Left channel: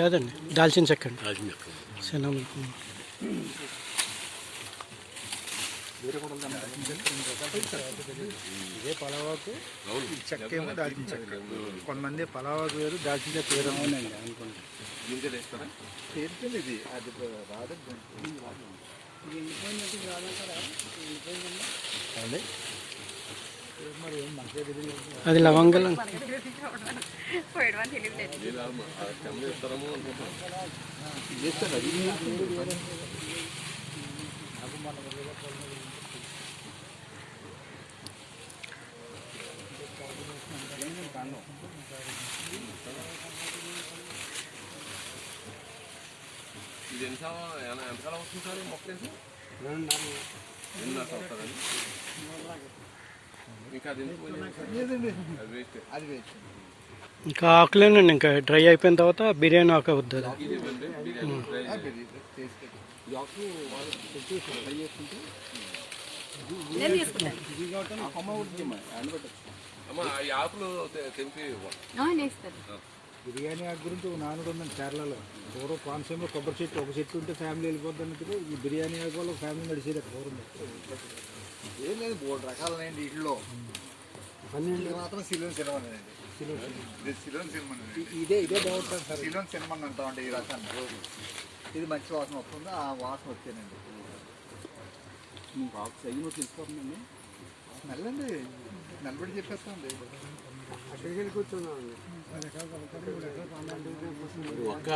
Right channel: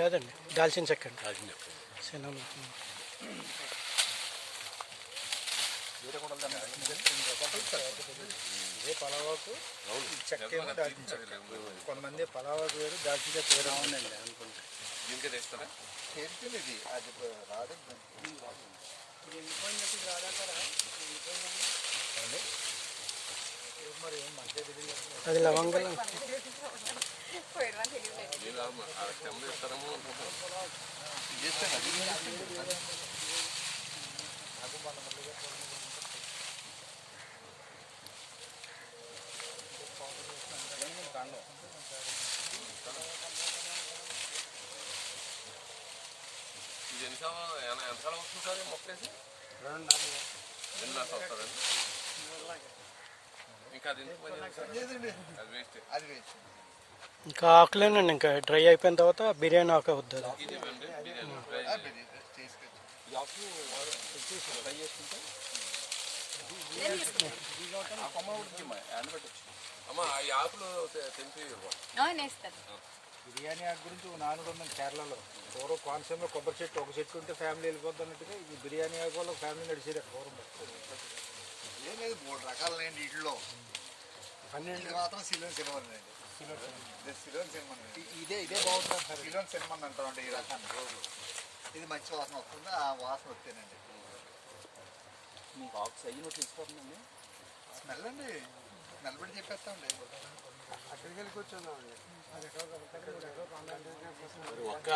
కాదండి, దాల్చిన చెక్క అండి. దాల్చిన చెక్క. శనగ ఇదే పలావాకు చెక్క ఏమో దాల్చిన చెక్క. కొంతమంది పలావాకు వేరు, దాల్చిన చెక్క వేరు. ఇది అది రాదు. అది లవంగాలు. ఇది ఎంతకాలం వస్తుంది సార్ ఈ మొక్క వేసి? 2.5 సంవత్సరాలు. ఇంకా అది ఎందుకు అది వేస్ట్. అది వేస్ట్. ఇంకా ఆకులేనండి, ఇంకా డ్రై అయిపోయిన తర్వాత బిర్యానీ ఆకు అవుతుంది. బిర్యానీ ఆకు గురించి ఒక నానుడు ఉందండి కేరళలో. పూర్వం కోనసీమలో కొబ్బరి చెట్టు ఒక చెట్టు ఉంటే ఫ్యామిలీ వెళ్ళిపోద్ది అన్నట్టుగా ఈ బిర్యానీ ఆకు వల్ల ఫ్యామిలీ నడిచేది అక్కడ పూర్వం. ఏం లేదు, 3 రకాలండి వీటిలో. 12 మాత్రం సిలోన్ సినిమా ఇదే బాగుంటుంది సార్. సిలోన్ సినిమా అంటామండి ఈ రకాన్ని. ఇది మంచి వాసన వస్తుంది, ఆ వాసన వచ్చేనండి. తెలిసిపోతుందండి స్మెల్ అండి. స్మెల్ బట్టి చెప్పేస్తామండి. అక్కడికి వెళ్ళి కూర్చున్నామండి. ఒక్క